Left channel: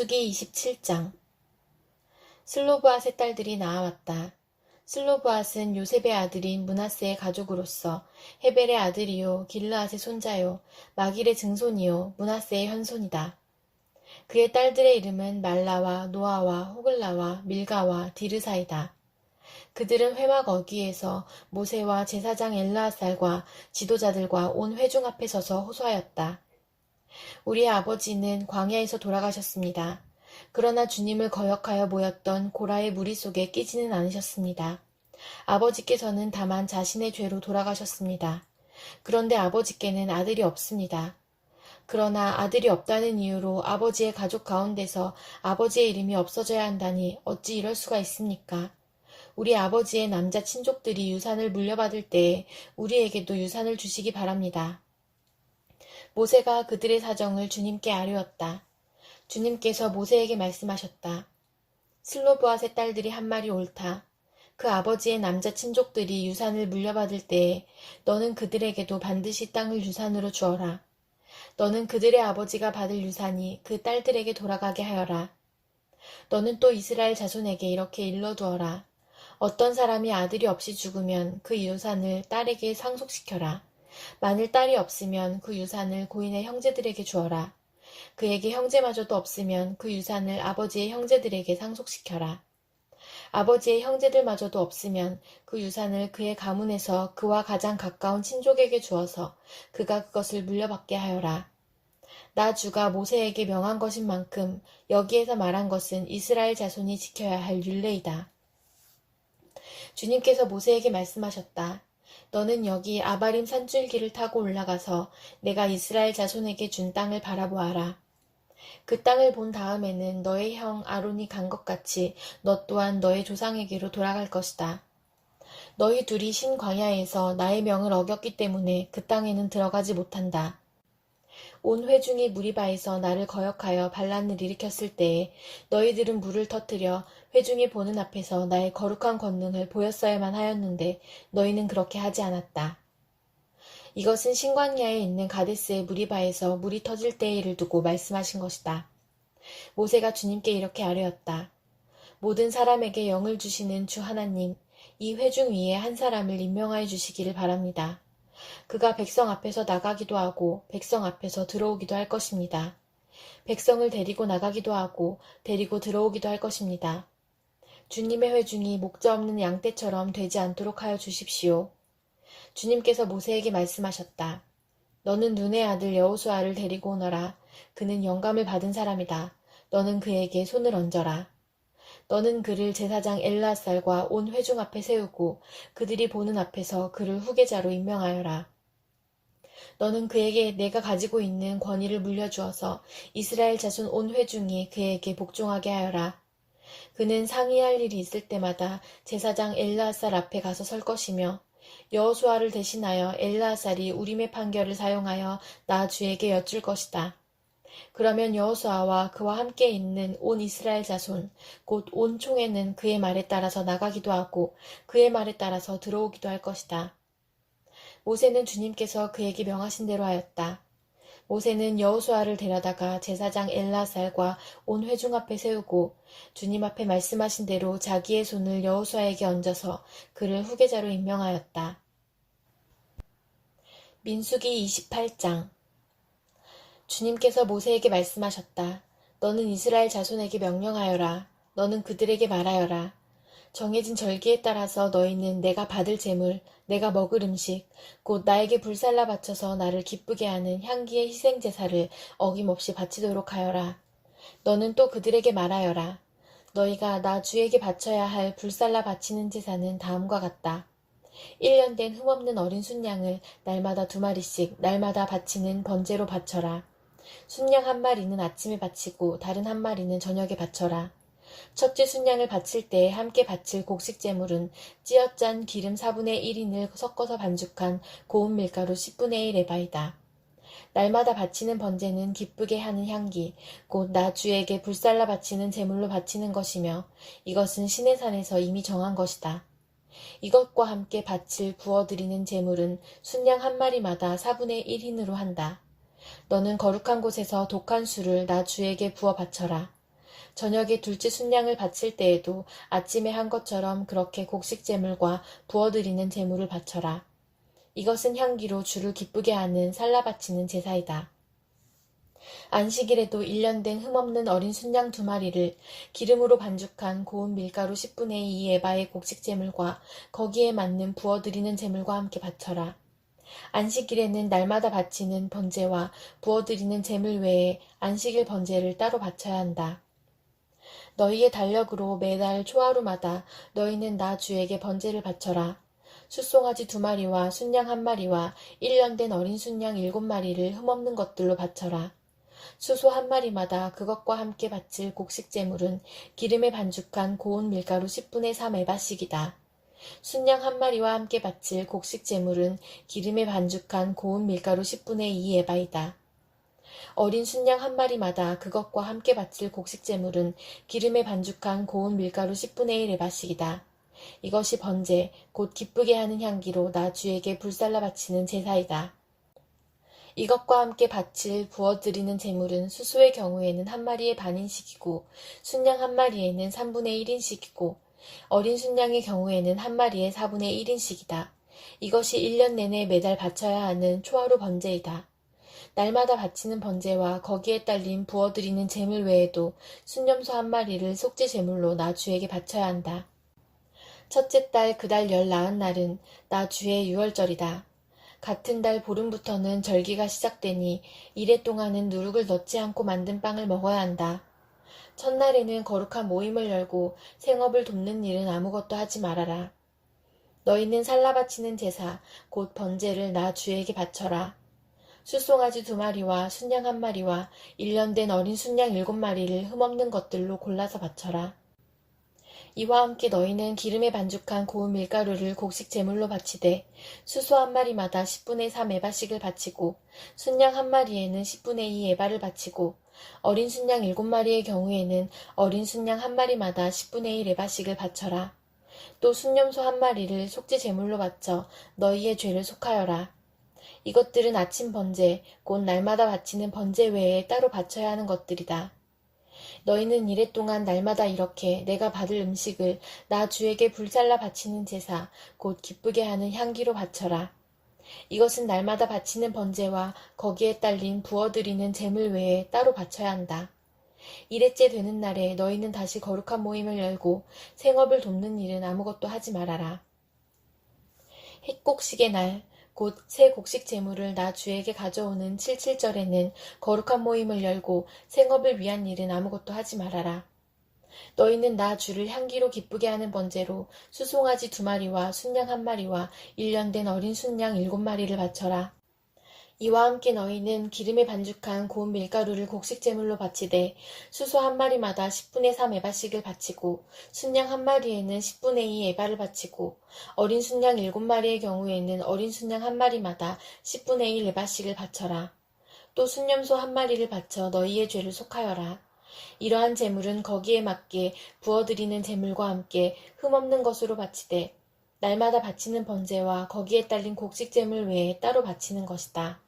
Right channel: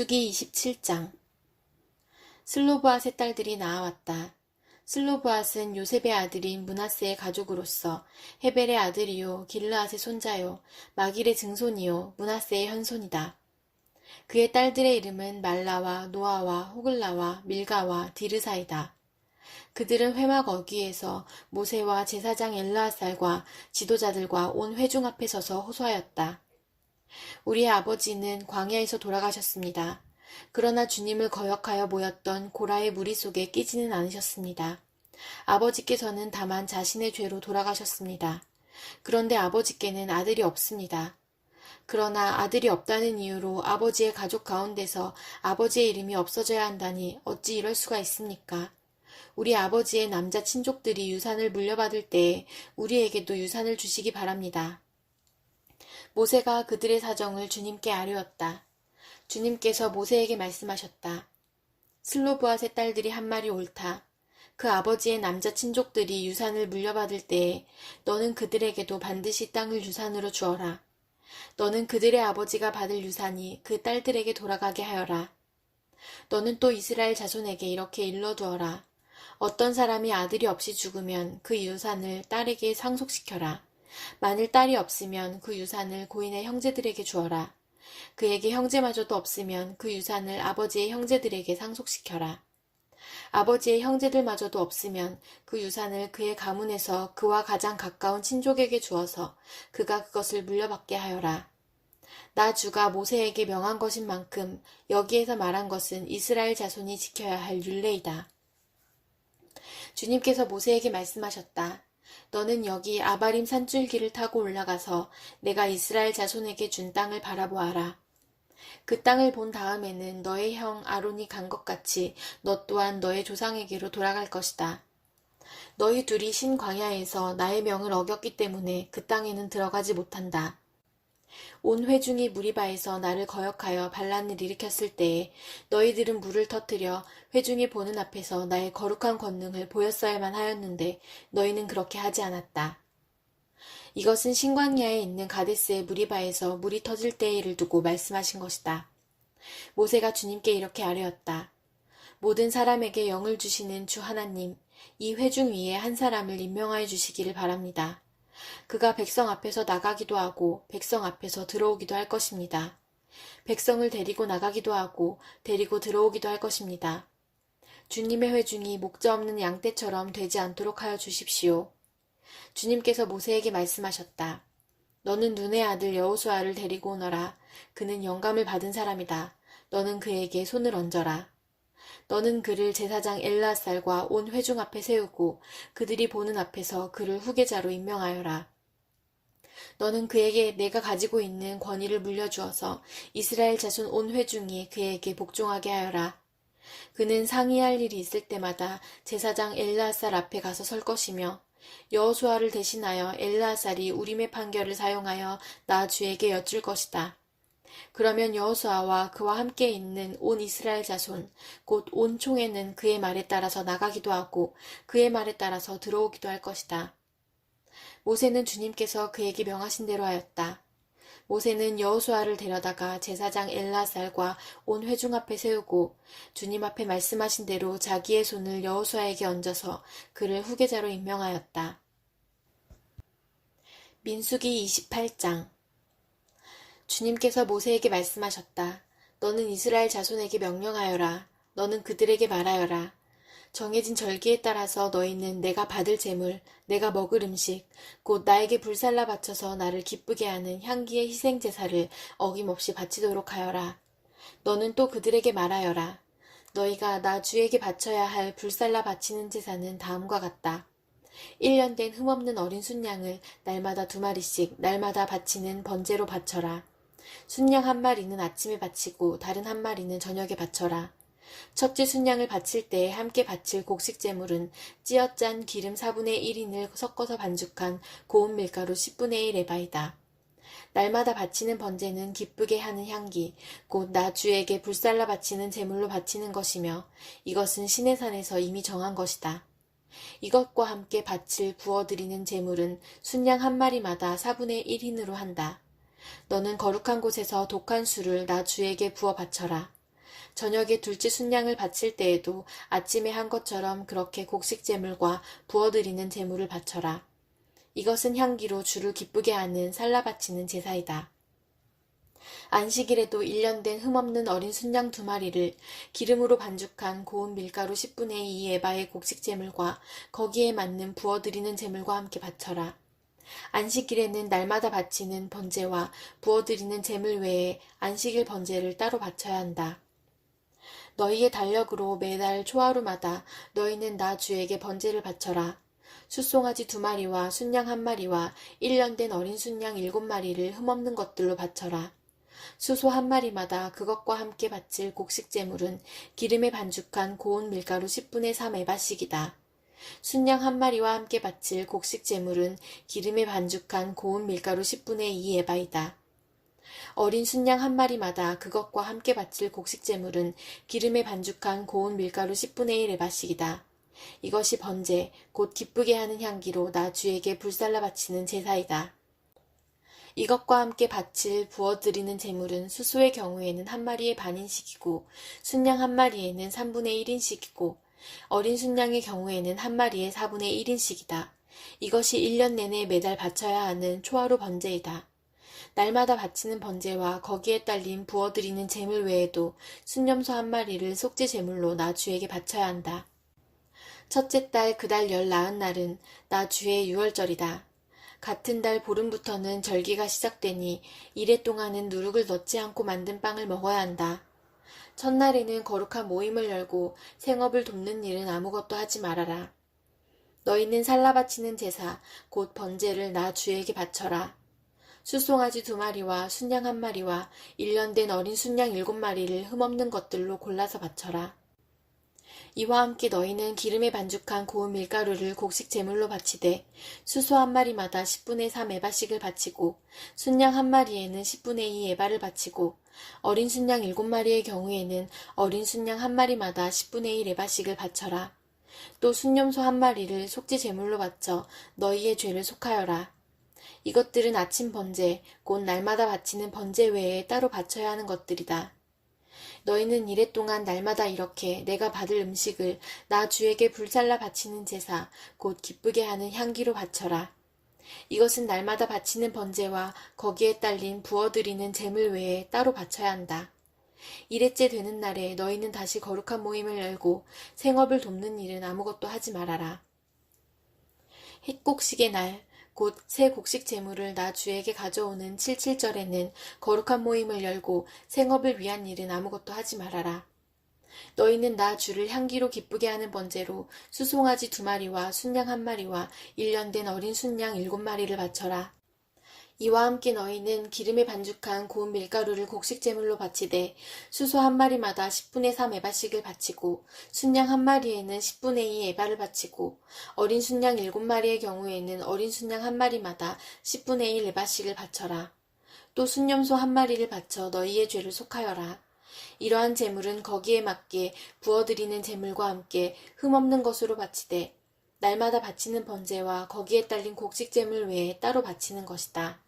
민수기 27장. 슬로브앗의 딸들이 나아왔다. 슬로브앗은 요셉의 아들인 므낫세의 가족으로서 헤벨의 아들이요 길르앗의 손자요 마길의 증손이요 므낫세의 현손이다. 그의 딸들의 이름은 말라와 노아와 호글라와 밀가와 디르사이다. 그들은 회막 어귀에서 모세와 제사장 엘르아살과 지도자들과 온 회중 앞에 서서 호소하였다. 우리의 아버지는 광야에서 돌아가셨습니다. 그러나 주님을 거역하여 모였던 고라의 무리 속에 끼지는 않으셨습니다. 아버지께서는 다만 자신의 죄로 돌아가셨습니다. 그런데 아버지께는 아들이 없습니다. 그러나 아들이 없다는 이유로 아버지의 가족 가운데서 아버지의 이름이 없어져야 한다니 어찌 이럴 수가 있습니까? 우리 아버지의 남자 친족들이 유산을 물려받을 때에 우리에게도 유산을 주시기 바랍니다. 모세가 그들의 사정을 주님께 아뢰었다. 주님께서 모세에게 말씀하셨다. 슬로브앗의 딸들이 한 말이 옳다. 그 아버지의 남자 친족들이 유산을 물려받을 때에 너는 그들에게도 반드시 땅을 유산으로 주어라. 너는 그들의 아버지가 받을 유산이 그 딸들에게 돌아가게 하여라. 너는 또 이스라엘 자손에게 이렇게 일러두어라. 어떤 사람이 아들이 없이 죽으면 그 유산을 딸에게 상속시켜라. 만일 딸이 없으면 그 유산을 고인의 형제들에게 주어라. 그에게 형제마저도 없으면 그 유산을 아버지의 형제들에게 상속시켜라. 아버지의 형제들마저도 없으면 그 유산을 그의 가문에서 그와 가장 가까운 친족에게 주어서 그가 그것을 물려받게 하여라. 나 주가 모세에게 명한 것인 만큼 여기에서 말한 것은 이스라엘 자손이 지켜야 할 율례이다. 주님께서 모세에게 말씀하셨다. 너는 여기 아바림 산줄기를 타고 올라가서 내가 이스라엘 자손에게 준 땅을 바라보아라. 그 땅을 본 다음에는 너의 형 아론이 간 것 같이 너 또한 너의 조상에게로 돌아갈 것이다. 너희 둘이 신 광야에서 나의 명을 어겼기 때문에 그 땅에는 들어가지 못한다. 온 회중이 무리바에서 나를 거역하여 반란을 일으켰을 때에 너희들은 물을 터뜨려 회중이 보는 앞에서 나의 거룩한 권능을 보였어야만 하였는데 너희는 그렇게 하지 않았다. 이것은 신광야에 있는 가데스의 무리바에서 물이 터질 때의 일을 두고 말씀하신 것이다. 모세가 주님께 이렇게 아뢰었다. 모든 사람에게 영을 주시는 주 하나님, 이 회중 위에 한 사람을 임명하여 주시기를 바랍니다. 그가 백성 앞에서 나가기도 하고 백성 앞에서 들어오기도 할 것입니다. 백성을 데리고 나가기도 하고 데리고 들어오기도 할 것입니다. 주님의 회중이 목자 없는 양떼처럼 되지 않도록 하여 주십시오. 주님께서 모세에게 말씀하셨다. 너는 눈의 아들 여호수아를 데리고 오너라. 그는 영감을 받은 사람이다. 너는 그에게 손을 얹어라. 너는 그를 제사장 엘르아살과 온 회중 앞에 세우고 그들이 보는 앞에서 그를 후계자로 임명하여라. 너는 그에게 내가 가지고 있는 권위를 물려주어서 이스라엘 자손 온 회중이 그에게 복종하게 하여라. 그는 상의할 일이 있을 때마다 제사장 엘르아살 앞에 가서 설 것이며 여호수아를 대신하여 엘르아살이 우림의 판결을 사용하여 나 주에게 여쭐 것이다. 그러면 여호수아와 그와 함께 있는 온 이스라엘 자손 곧 온 총회는 그의 말에 따라서 나가기도 하고 그의 말에 따라서 들어오기도 할 것이다. 모세는 주님께서 그에게 명하신 대로 하였다. 모세는 여호수아를 데려다가 제사장 엘르아살과 온 회중 앞에 세우고 주님 앞에 말씀하신 대로 자기의 손을 여호수아에게 얹어서 그를 후계자로 임명하였다. 민수기 28장. 주님께서 모세에게 말씀하셨다. 너는 이스라엘 자손에게 명령하여라. 너는 그들에게 말하여라. 정해진 절기에 따라서 너희는 내가 받을 제물, 내가 먹을 음식, 곧 나에게 불살라 바쳐서 나를 기쁘게 하는 향기의 희생제사를 어김없이 바치도록 하여라. 너는 또 그들에게 말하여라. 너희가 나 주에게 바쳐야 할 불살라 바치는 제사는 다음과 같다. 1년 된 흠없는 어린 순양을 날마다 2마리씩 날마다 바치는 번제로 바쳐라. 순양 한 마리는 아침에 바치고 다른 한 마리는 저녁에 바쳐라. 첫째 순양을 바칠 때 함께 바칠 곡식제물은 찌어짠 기름 4분의 1인을 섞어서 반죽한 고운 밀가루 10분의 1 에바이다. 날마다 바치는 번제는 기쁘게 하는 향기, 곧 나 주에게 불살라 바치는 제물로 바치는 것이며 이것은 신의 산에서 이미 정한 것이다. 이것과 함께 바칠 부어드리는 제물은 순양 한 마리마다 4분의 1흰으로 한다. 너는 거룩한 곳에서 독한 술을 나 주에게 부어 바쳐라. 저녁에 둘째 순양을 바칠 때에도 아침에 한 것처럼 그렇게 곡식제물과 부어드리는 제물을 바쳐라. 이것은 향기로 주를 기쁘게 하는 살라 바치는 제사이다. 안식일에도 1년 된 흠없는 어린 순양 2마리를 기름으로 반죽한 고운 밀가루 10분의 2 에바의 곡식제물과 거기에 맞는 부어드리는 제물과 함께 바쳐라. 안식일에는 날마다 바치는 번제와 부어드리는 제물 외에 안식일 번제를 따로 바쳐야 한다. 너희의 달력으로 매달 초하루마다 너희는 나 주에게 번제를 바쳐라. 숫송아지 2마리와 순양 1마리와 1년 된 어린 순양 7마리를 흠없는 것들로 바쳐라. 수소 1마리마다 그것과 함께 바칠 곡식제물은 기름에 반죽한 고운 밀가루 10분의 3 에바씩이다. 순양 1마리와 함께 바칠 곡식제물은 기름에 반죽한 고운 밀가루 10분의 2 에바이다. 어린 순양 1마리마다 그것과 함께 바칠 곡식제물은 기름에 반죽한 고운 밀가루 10분의 1 에바씩이다. 이것이 번제, 곧 기쁘게 하는 향기로 나 주에게 불살라 바치는 제사이다. 이것과 함께 바칠 부어드리는 제물은 수소의 경우에는 1마리의 반인씩이고 순양 1마리에는 3분의 1인씩이고 어린 순양의 경우에는 1마리의 4분의 1인씩이다. 이것이 1년 내내 매달 바쳐야 하는 초하루 번제이다. 날마다 바치는 번제와 거기에 딸린 부어드리는 제물 외에도 순염소 1마리를 속죄 제물로 나 주에게 바쳐야 한다. 첫째 달 그 달 열 나은 날은 나 주의 유월절이다. 같은 달 보름부터는 절기가 시작되니 이래 동안은 누룩을 넣지 않고 만든 빵을 먹어야 한다. 첫날에는 거룩한 모임을 열고 생업을 돕는 일은 아무것도 하지 말아라. 너희는 살라 바치는 제사, 곧 번제를 나 주에게 바쳐라. 숫송아지 2마리와 순양 1마리와 1년 된 어린 순양 7마리를 흠없는 것들로 골라서 바쳐라. 이와 함께 너희는 기름에 반죽한 고운 밀가루를 곡식 제물로 바치되 수소 1마리마다 10분의 3 에바씩을 바치고 순양 1마리에는 10분의 2 에바를 바치고 어린 순양 7마리의 경우에는 어린 순양 1마리마다 10분의 1 에바씩을 바쳐라. 또 순염소 1마리를 속죄 제물로 바쳐 너희의 죄를 속하여라. 이것들은 아침 번제, 곧 날마다 바치는 번제 외에 따로 바쳐야 하는 것들이다. 너희는 이래 동안 날마다 이렇게 내가 받을 음식을 나 주에게 불살라 바치는 제사, 곧 기쁘게 하는 향기로 바쳐라. 이것은 날마다 바치는 번제와 거기에 딸린 부어드리는 제물 외에 따로 바쳐야 한다. 이래째 되는 날에 너희는 다시 거룩한 모임을 열고 생업을 돕는 일은 아무것도 하지 말아라. 햇곡식의 날, 곧 새 곡식 제물을 나 주에게 가져오는 칠칠절에는 거룩한 모임을 열고 생업을 위한 일은 아무것도 하지 말아라. 너희는 나 주를 향기로 기쁘게 하는 번제로 수송아지 2마리와 순양 1마리와 1년 된 어린 순양 7마리를 바쳐라. 이와 함께 너희는 기름에 반죽한 고운 밀가루를 곡식제물로 바치되 수소 1마리마다 10분의 3 에바씩을 바치고 순양 1마리에는 10분의 2 에바를 바치고 어린 순양 7마리의 경우에는 어린 순양 1마리마다 10분의 1 에바씩을 바쳐라. 또 순염소 1마리를 바쳐 너희의 죄를 속하여라. 이러한 제물은 거기에 맞게 부어드리는 제물과 함께 흠없는 것으로 바치되 날마다 바치는 번제와 거기에 딸린 곡식제물 외에 따로 바치는 것이다.